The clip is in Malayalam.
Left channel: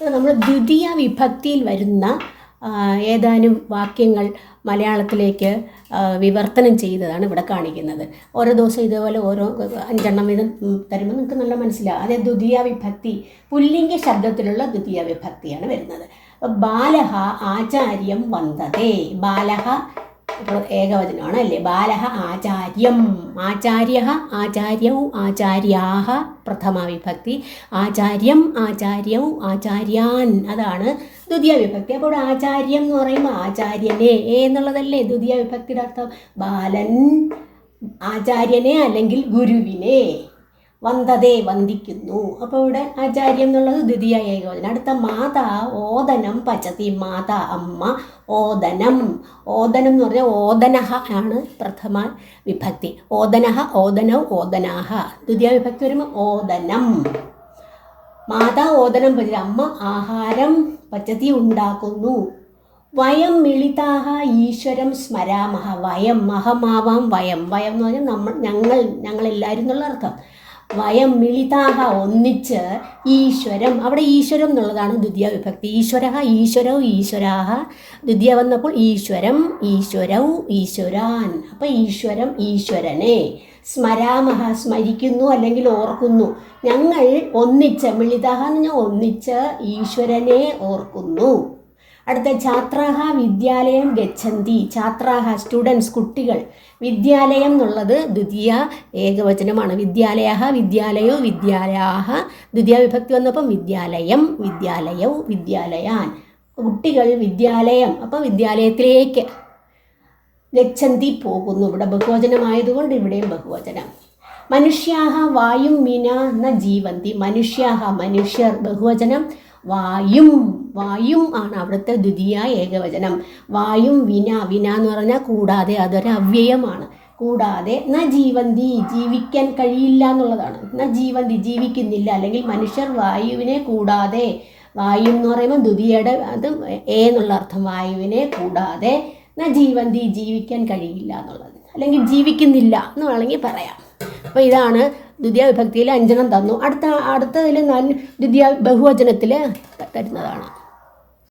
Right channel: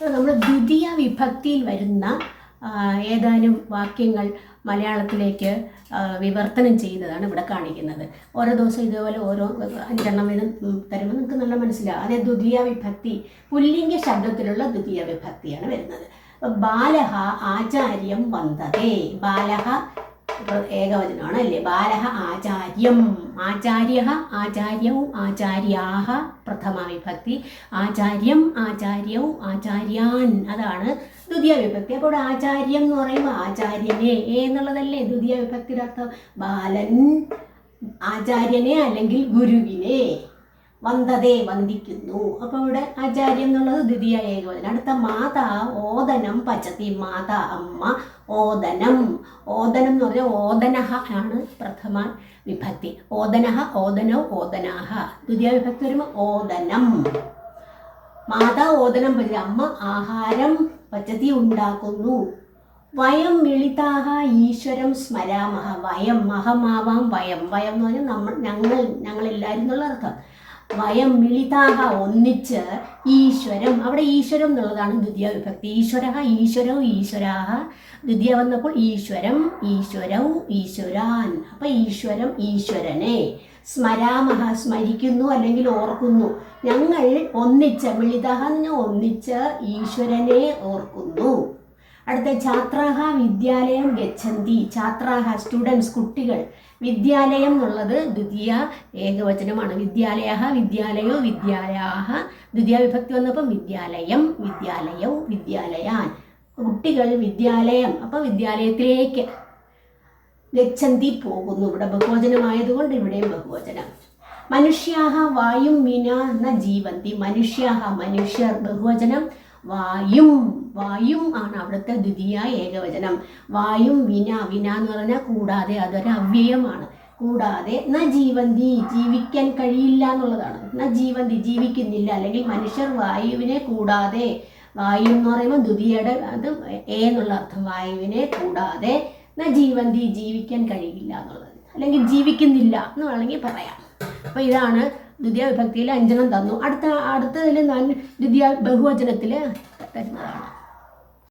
നമ്മൾ ദ്വിതീയ വിഭക്തിയിൽ വരുന്ന ഏതാനും വാക്യങ്ങൾ മലയാളത്തിലേക്ക് വിവർത്തനം ചെയ്തതാണ് ഇവിടെ കാണിക്കുന്നത്. ഓരോ ദിവസം ഇതേപോലെ ഓരോ 5 വീതം തരുമ്പോൾ നിങ്ങൾക്ക് നല്ല മനസ്സിലാവും. അതേ ദ്വിതീയ വിഭക്തി പുല്ലിംഗ ശബ്ദത്തിലുള്ള ദ്വിതീയ വിഭക്തിയാണ് വരുന്നത്. ബാലഹ ആചാര്യം വന്ദതേ. ബാലഹ ഏകവചനമാണ് അല്ലേ. ബാലഹ ആചാര്യം, ആചാര്യ, ആചാര്യൗ, ആചാര്യാഹ പ്രഥമ വിഭക്തി, ആചാര്യം, ആചാര്യൗ, ആചാര്യാൻ അതാണ് ദ്വിതീയ വിഭക്തി. അപ്പോൾ ആചാര്യം എന്ന് പറയുമ്പോൾ ആചാര്യനെ എന്നുള്ളതല്ലേ ദ്വിതീയ വിഭക്തിയുടെ അർത്ഥം. ബാലൻ ആചാര്യനെ അല്ലെങ്കിൽ ഗുരുവിനെ, വന്ദതേ വന്ദിക്കുന്നു. അപ്പോൾ ഇവിടെ ആചാര്യം എന്നുള്ളത് ദ്വിതീയ ഏകവചനം. അടുത്ത മാതാ ഓദനം പചതി. മാതാ അമ്മ, ഓദനം, ഓദനം എന്ന് പറഞ്ഞാൽ ഓദനഹ ആണ് പ്രഥമ വിഭക്തി. ഓദനഹ, ഓദനൗ, ഓദനാഹ. ദ്വിതീയ വിഭക്തി വരുമ്പോൾ ഓദനം. മാതാ ഓദനം പചതി, അമ്മ ആഹാരം പചതി ഉണ്ടാക്കുന്നു. വയം മിളിതാഹ ഈശ്വരം സ്മരാമഹ. വയം മഹമാവാം വയം, വയം എന്ന് പറഞ്ഞാൽ ഞങ്ങളെല്ലാവരും എന്നുള്ള അർത്ഥം. വയം മിളിതാഹ ഒന്നിച്ച്, ഈശ്വരം, അവിടെ ഈശ്വരം എന്നുള്ളതാണ് ദ്വിതീയ വിഭക്തി. ഈശ്വര, ഈശ്വരൗ, ഈശ്വരാഹ. ദ്വിതീയ വന്നപ്പോൾ ഈശ്വരം, ഈശ്വരൗ, ഈശ്വരാൻ. അപ്പം ഈശ്വരം ഈശ്വരനെ. സ്മരാമഹ സ്മരിക്കുന്നു അല്ലെങ്കിൽ ഓർക്കുന്നു. ഞങ്ങൾ ഒന്നിച്ച്, മിളിതാഹ എന്ന് പറഞ്ഞാൽ ഒന്നിച്ച് ഈശ്വരനെ ഓർക്കുന്നു. അടുത്ത ഛാത്രാഹ വിദ്യാലയം ഗച്ഛന്തി. ഛാത്രാഹ സ്റ്റുഡൻസ് കുട്ടികൾ. വിദ്യാലയം എന്നുള്ളത് ദ്വിതീയ ഏകവചനമാണ്. വിദ്യാലയ, വിദ്യാലയോ, വിദ്യാലയാഹ. ദ്വിതീയ വിഭക്തി വന്നപ്പം വിദ്യാലയം, വിദ്യാലയൗ, വിദ്യാലയാൻ. കുട്ടികൾ വിദ്യാലയം, അപ്പോൾ വിദ്യാലയത്തിലേക്ക്. ഗച്ഛന്തി പോകുന്നു. ഇവിടെ ബഹുവചനമായതുകൊണ്ട് ഇവിടെയും ബഹുവചനം. മനുഷ്യാഹ വായും വിന ന ജീവന്തി. മനുഷ്യാഹ മനുഷ്യർ, ബഹുവചനം. വായും, വായും ആണ് അവിടുത്തെ ദ്വിതീയ ഏകവചനം. വായും വിന, വിന എന്ന് പറഞ്ഞാൽ കൂടാതെ, അതൊരു അവ്യയമാണ്. കൂടാതെ ന ജീവന്തി ജീവിക്കാൻ കഴിയില്ല എന്നുള്ളതാണ്. ന ജീവന്തി ജീവിക്കുന്നില്ല, അല്ലെങ്കിൽ മനുഷ്യർ വായുവിനെ കൂടാതെ. വായു എന്ന് പറയുമ്പോൾ ദ്വിതീയയുടെ അത് എന്നുള്ള അർത്ഥം. വായുവിനെ കൂടാതെ ന ജീവന്തി ജീവിക്കാൻ കഴിയില്ല എന്നുള്ളത്, അല്ലെങ്കിൽ ജീവിക്കുന്നില്ല എന്ന് വേണമെങ്കിൽ പറയാം. അപ്പോൾ ഇതാണ് ദ്വിതീയ വിഭക്തിയിൽ 5 തന്നു. അടുത്തതിൽ ദ്വിതീയ ബഹുവചനത്തിൽ തരുന്നതാണ്.